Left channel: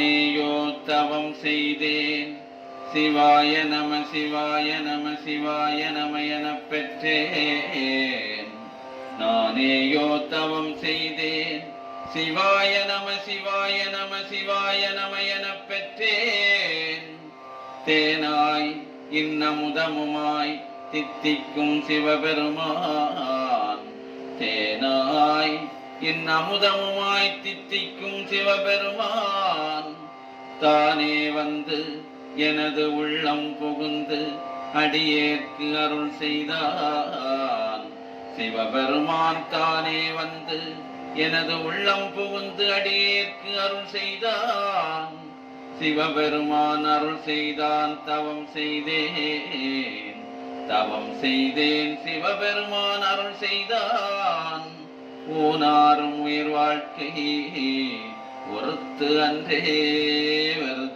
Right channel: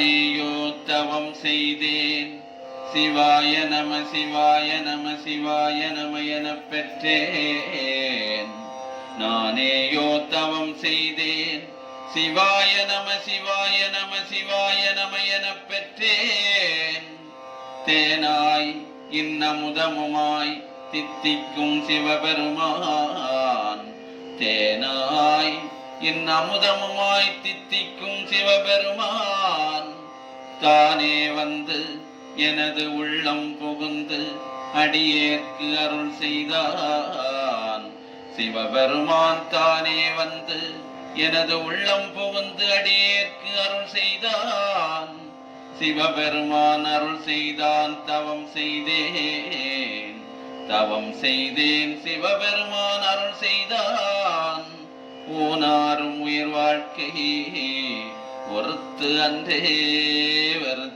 தானேயோ தவம் செய்தேன். சிவாய நம சிவாய நம சிவாய நம எனப் பெற்றேன். நானேயோ தவம் செய்தேன். சிவாய நம சிவாய நம சிவாய நம எனப் பெற்றேன். தேனாய் இன்னமுதமுமாய் தித்திக்கும் சிவபெருமான். தேனாய் இன்னமுதமுமாய் தித்திக்கும் சிவபெருமான். தானே வந்து எனது உள்ளம் புகுந்து அடியேற்கு அருள் செய்தான். சிவபெருமான் தானே வந்து எனது உள்ளம் புகுந்து அடியேற்கு அருள் செய்தான். சிவபெருமான் அருள் செய்தான். தவம் செய்தேன் தவம் செய்தேன். சிவபெருமான் அருள் செய்தான். ஊனாரும் உயிர் வாழ்க்கை ஒருத்து அன்றே வெறுத்து